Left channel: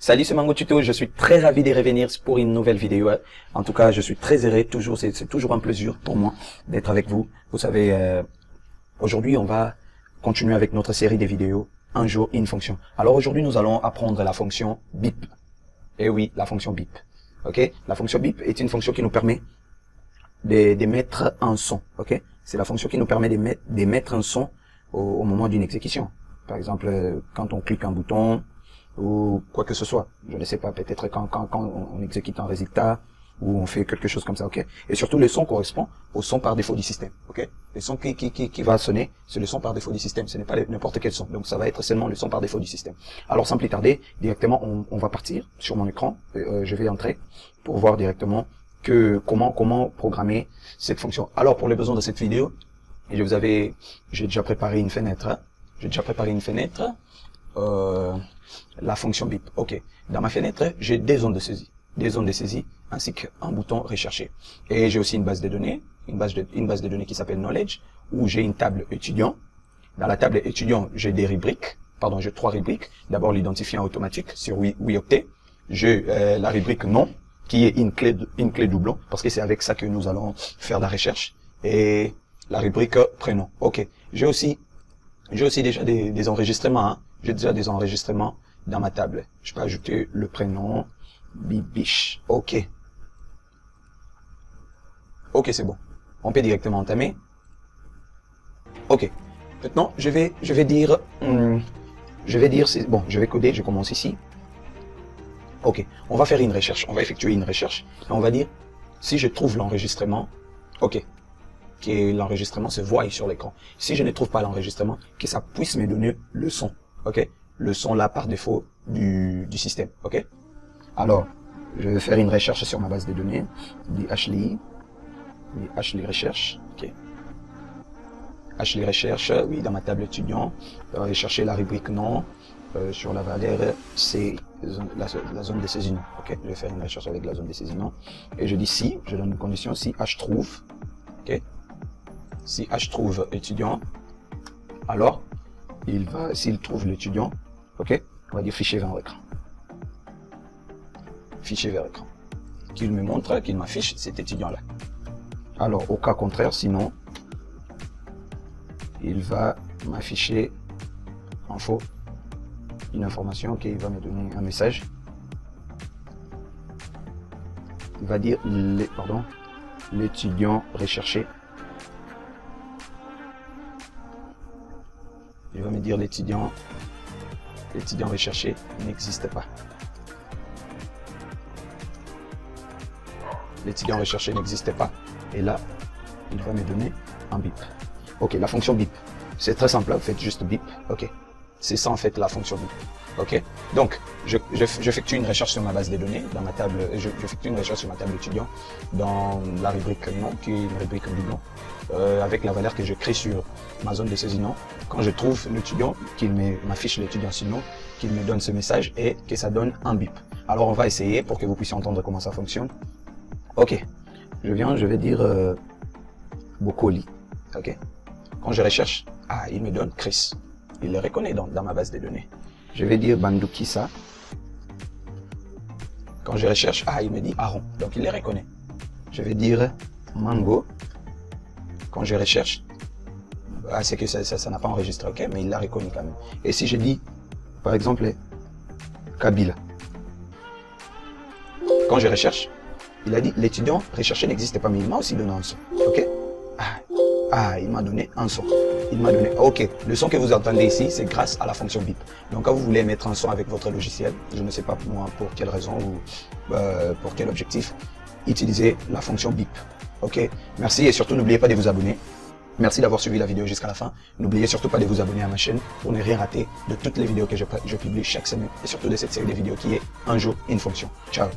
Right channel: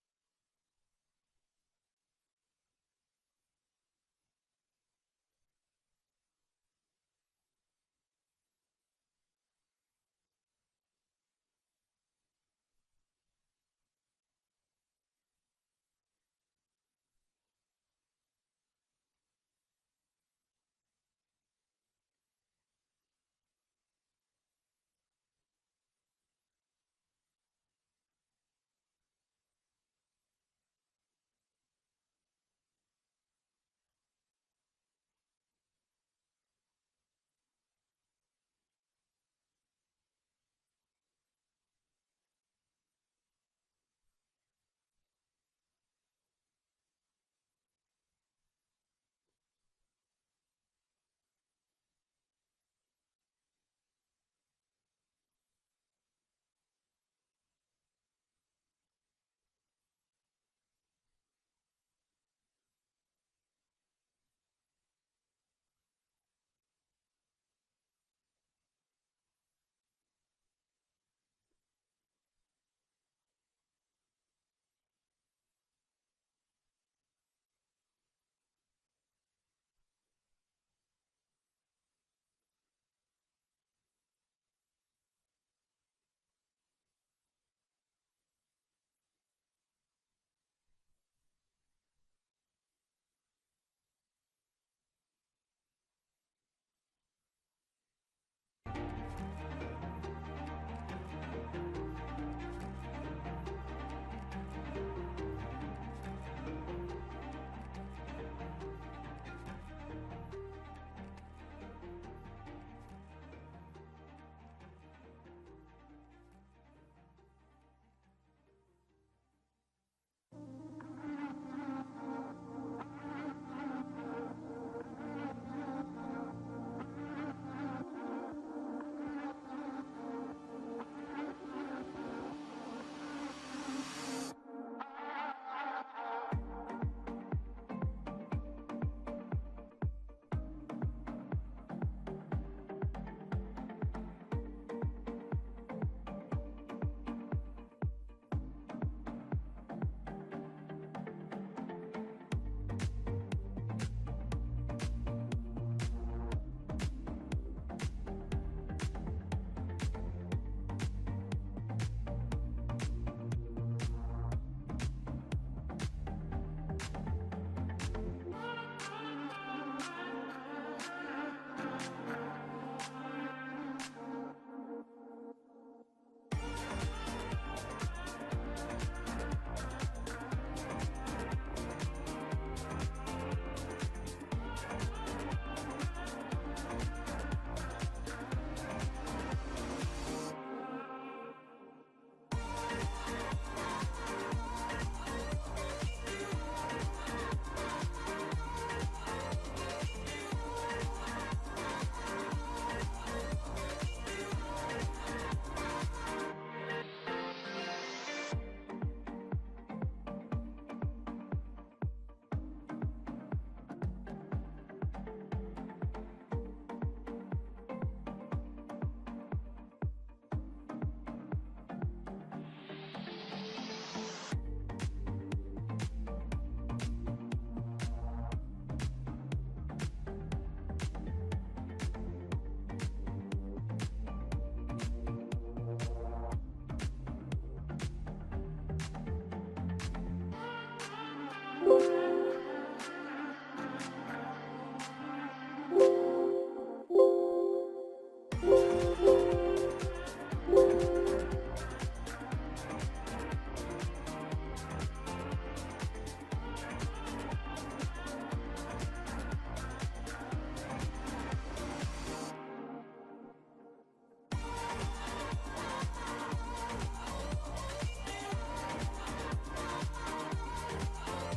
Salut, c'est Mango Tuto, je suis très ravi de revenir pour une nouvelle vidéo. En tout cas, je suis très heureux, c'est toujours un plaisir pour moi d'être avec vous. Vous savez, aujourd'hui, on va continuer avec notre série de vidéos, un jour, une fonction. Alors aujourd'hui, nous allons apprendre la fonction bip. Et oui, la fonction bip. Ok, la fonction bip est une fonction qui nous permet de mettre un son. Ok, c'est la fonction qui nous permet de mettre un son au moment d'une exécution. Par exemple, quand on clique un bouton, ou quoi que ce soit, je ne sais pas, peut-être quand on exécute un résultat, ou on fait quelque chose comme ça, ok. Et surtout, le son correspond au son par défaut du système, ok. Le son qui va sonner, c'est le son par défaut du système, ce n'est pas n'importe quel son, donc ça va être seulement le son par défaut du système. Alors, sans plus tarder, directement, on va partir sur mon écran, je vais entrer pour voir directement comment programmer cette fonction. Alors, pour les besoins de cette vidéo, j'ai déjà préparé une fenêtre, la fonction bip. Ok. Dans ma fenêtre, j'ai des zones de saisie, ainsi qu'un bouton rechercher. Et j'ai aussi une base de données, une base de données qui s'appelle Knowledge, où j'ai une table étudiant. Dans la table étudiant, j'ai j'ai trois rubriques. D'abord l'identifiant automatique sur Wyoctet. J'ai la rubrique nom, qui est une clé doublon, parce que c'est avec ça que nous allons faire la recherche. Et la rubrique prénom. Ok. J'ai aussi déjà des enregistrements. Hein. J'ai déjà des enregistrements dans ma table. Je peux ajouter le prénom Bibiche. Ok. Ok, c'est bon. On peut directement entamer. Ok. Maintenant, je vais dire, bon, je vais coder. Je commence ici. Ok. On va faire une recherche. On va effectuer une recherche. Et on va dire si je trouve l'enregistrement. Ok. Que l'enregistrement se voie sur l'écran. Si je ne trouve pas l'enregistrement, que ça puisse me donner le son, ok, le son là par défaut du système, ok. Alors, je vais faire une recherche sur ma base de données, DHLI recherche, ok. HLI recherche, oui, dans ma table étudiant, chercher la rubrique nom, sur la valeur, c'est la zone de saisissement, ok. Je vais faire une recherche avec la zone de saisissement, et je dis si, je donne une condition, si H trouve, ok. Si H trouve étudiant, alors s'il trouve l'étudiant, ok, on va dire fichier vers écran. Fichier vers écran. Qu'il me montre, qu'il m'affiche cet étudiant-là. Alors, au cas contraire, sinon, il va m'afficher en faux une information, ok, il va me donner un message. Il va dire, l'étudiant recherché. Il va me dire l'étudiant recherché n'existe pas. L'étudiant recherché n'existe pas. Et là, il va me donner un bip. Ok, la fonction bip. C'est très simple, vous faites juste bip. Ok. C'est ça en fait la fonction bip. Ok. Donc, j'effectue une recherche sur ma base de données, dans ma table, j'effectue une recherche sur ma table étudiant, dans la rubrique nom, qui est une rubrique doublon, avec la valeur que je crée sur ma zone de saisissement. Quand je trouve l'étudiant, qu'il m'affiche l'étudiant sinon, qu'il me donne ce message et que ça donne un bip. Alors on va essayer pour que vous puissiez entendre comment ça fonctionne. Ok. Je vais dire Bokoli. Ok. Quand je recherche, il me donne Chris. Il le reconnaît dans ma base de données. Je vais dire Bandukisa. Quand je recherche, il me dit Aaron. Donc il les reconnaît. Je vais dire Mango. Quand je recherche, c'est que ça n'a pas enregistré, ok, mais il l'a reconnu quand même. Et si je dis, par exemple, Kabila. Quand je recherche, il a dit l'étudiant recherché n'existe pas, mais il m'a aussi donné un son, ok. Il m'a donné un son. Il m'a donné, ok, le son que vous entendez ici, c'est grâce à la fonction bip. Donc quand vous voulez mettre un son avec votre logiciel, je ne sais pas moi pour quelle raison ou pour quel objectif, utilisez la fonction bip. Ok, merci et surtout n'oubliez pas de vous abonner. Merci d'avoir suivi la vidéo jusqu'à la fin. N'oubliez surtout pas de vous abonner à ma chaîne pour ne rien rater de toutes les vidéos que je publie chaque semaine et surtout de cette série de vidéos qui est un jour une fonction. Ciao.